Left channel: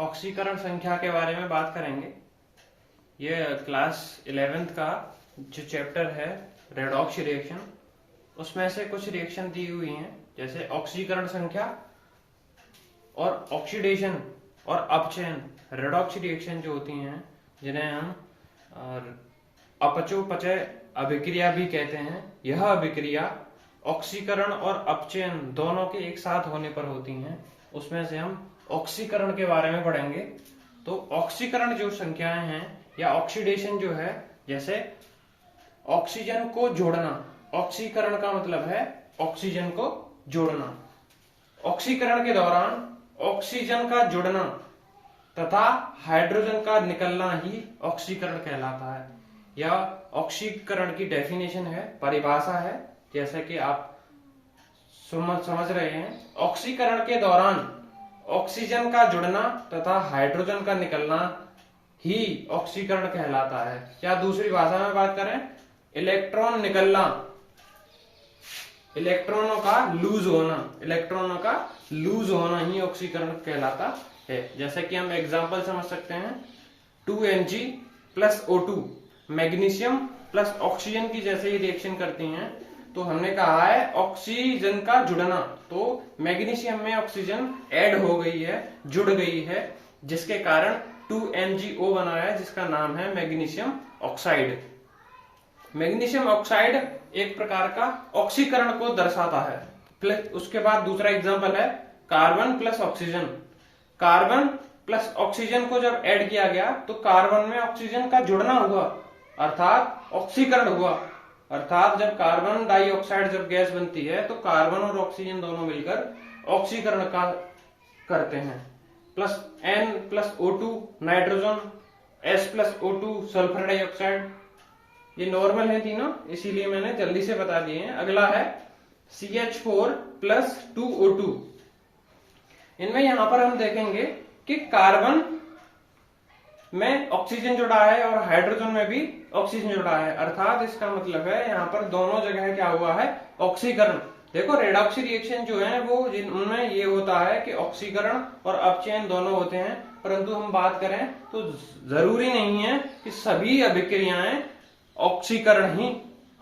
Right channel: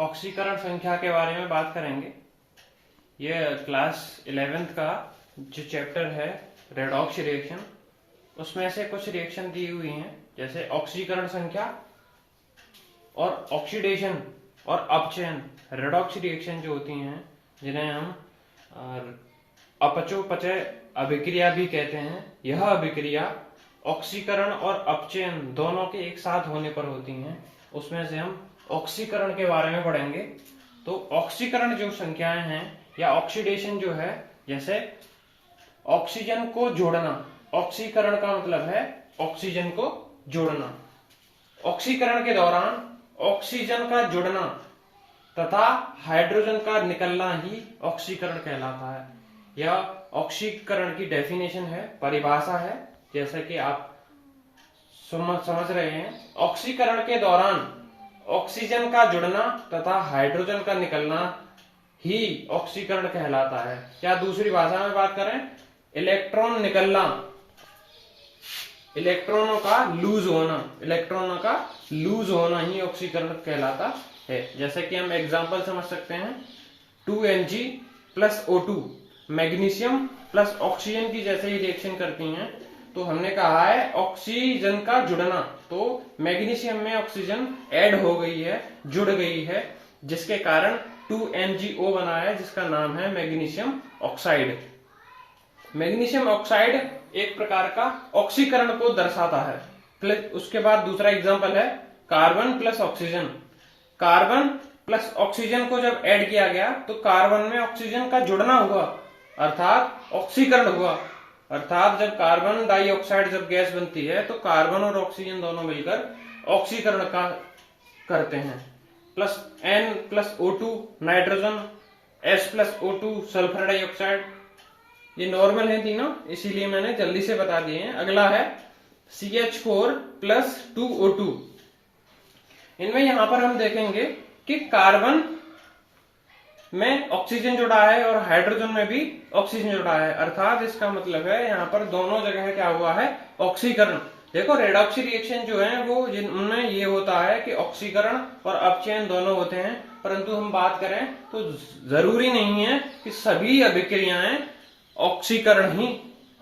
ऑक्सीकरण संख्या के बारे में बात करेंगे। ये क्लास 11th का जो चैप्टर है रेडॉक्स रिएक्शन, उसमें से कुछ रिएक्शन दी हुई हैं, जैसे ऑक्सीकरण संख्या और ऑक्सीडेशन और अपचयन। रेडॉक्स रिएक्शन जो होती हैं, जिन्हें हम अपचोपचय अभिक्रिया भी कहते हैं, यह अभिक्रिया ऑक्सीकरण और अपचयन दोनों के एक साथ होने पर होती हैं। उसमें से हम ऑक्सीकरण के बारे में पढ़ेंगे। तो ऑक्सीकरण जो संख्याएं हैं या ऑक्सीडेशन जो है, जैसे ऑक्सीजन को जोड़ना, ऑक्सीकरण का मतलब है ऑक्सीजन को जोड़ना। ऑक्सीकरण के दौरान ऑक्सीजन का जुड़ना तथा हाइड्रोजन का निकलना ही ऑक्सीकरण कहलाता है। यह ऑक्सीकरण की डेफिनेशन है, परिभाषा है, जैसे कि आप समझ रहे हैं। ऑक्सीकरण के दौरान ऑक्सीजन का जुड़ना तथा हाइड्रोजन का निकलना ही ऑक्सीकरण कहलाता है। या दूसरी भाषा में बात करें, इलेक्ट्रॉन निकलना, इलेक्ट्रॉनों का लूज होना ही ऑक्सीकरण कहलाता है। जैसे कि हम एग्जांपल समझ सकते हैं, 2Mg plus O2 magnesium plus oxygen की जैसे ही रिएक्शन करती हैं, तो हमने कहा है ऑक्सीजन का जुड़ना, तो मैग्नीशियम में ऑक्सीजन ऐड हो गई है, जुड़ गई है, जिसके कारण 2MgO बना है, जिसका नाम है मैग्नीशियम ऑक्साइड। मैग्नीशियम ऑक्साइड एक प्रकार का ऑक्सीकरण को दर्शाता है। प्लस उसके बाद दूसरा एग्जांपल है carbon plus oxygen. Carbon plus oxygen को जब ऐड किया गया तो कार्बन में ऑक्सीजन का जुड़ना हुआ, अर्थात ऑक्सीकरण हुआ। अर्थात जब कार्बन डाइऑक्साइड जब गैस बनती है तो कार्बन और ऑक्सीजन दोनों मिलकर ऑक्सीकरण का करते हैं। Plus N plus O2 nitrogen, S plus O2 sulphur dioxide. ये नॉर्मल है तीनों, इसीलिए मैंने जल्दी से बता दिए हैं। अगला है CH4 प्लस 2O2। इनमें यहां पर हम देखेंगे कि कार्बन में ऑक्सीजन जुड़ा है और हाइड्रोजन में भी ऑक्सीजन जुड़ा है, अर्थात इसका मतलब है यहाँ पर दोनों जगह क्या हुआ है, ऑक्सीकरण। देखो रेडॉक्स रिएक्शन जो है वो जिनमें ये होता है कि ऑक्सीकरण और अपचयन दोनों होते हैं, परंतु हम बात करें तो जरूरी नहीं है कि सभी अभिक्रियाएं ऑक्सीकरण ही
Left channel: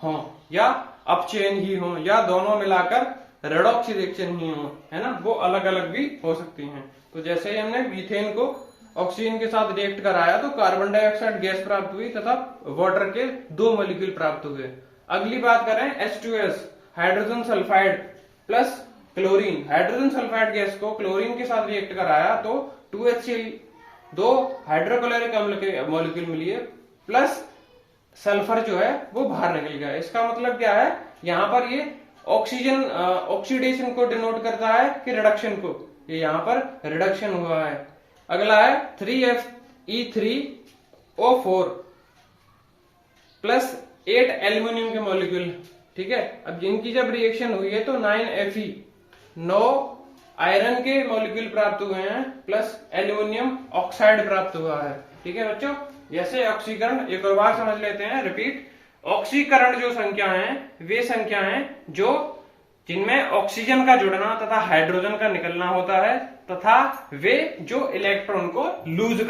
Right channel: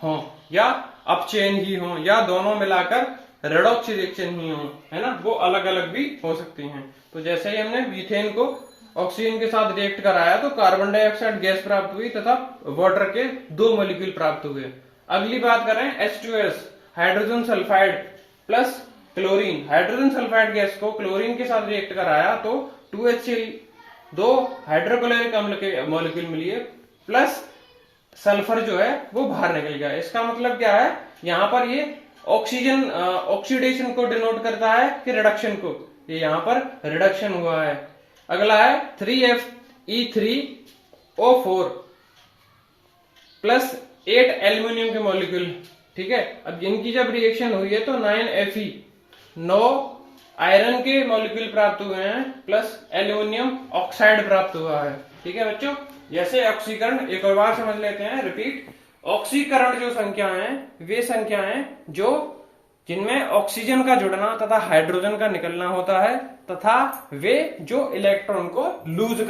हों या अपचयन ही हों या दोनों मिलाकर रेडॉक्स रिएक्शन ही हो, है ना, वो अलग अलग भी हो सकती हैं। तो जैसे ही हमने मीथेन को ऑक्सीजन के साथ रिएक्ट कराया तो कार्बन डाइऑक्साइड गैस प्राप्त हुई तथा वाटर के 2 मॉलिक्यूल प्राप्त हुए। अगली बात करें H2S hydrogen sulphide plus chlorine. Hydrogen sulphide gas को क्लोरीन के साथ रिएक्ट कराया तो 2HCl 2 हाइड्रोक्लोरिक अम्ल के मॉलिक्यूल मिले प्लस सल्फर जो है वो बाहर निकल गया। इसका मतलब क्या है, यहाँ पर ये ऑक्सीजन ऑक्सीडेशन को डिनोट करता है कि रिडक्शन को, ये यहाँ पर रिडक्शन हुआ है। अगला है 3Fe3O4 प्लस 8 एल्यूमिनियम के मॉलिक्यूल। ठीक है, अब इनकी जब रिएक्शन हुई है तो 9Fe 9 आयरन के मॉलिक्यूल प्राप्त हुए हैं प्लस एल्यूमिनियम ऑक्साइड प्राप्त हुआ है। ठीक है बच्चों, जैसे ऑक्सीकरण एक और बार समझ लेते हैं, रिपीट। ऑक्सीकरण जो संख्या है वे संख्या है जो जिनमें ऑक्सीजन का जुड़ना तथा हाइड्रोजन का निकलना होता है तथा वे जो इलेक्ट्रॉन को लूज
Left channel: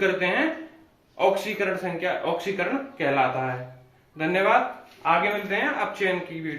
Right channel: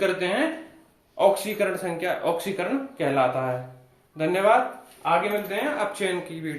करते हैं, ऑक्सीकरण संख्या ऑक्सीकरण कहलाता है। धन्यवाद, आगे मिलते हैं अपचयन की वीडियो।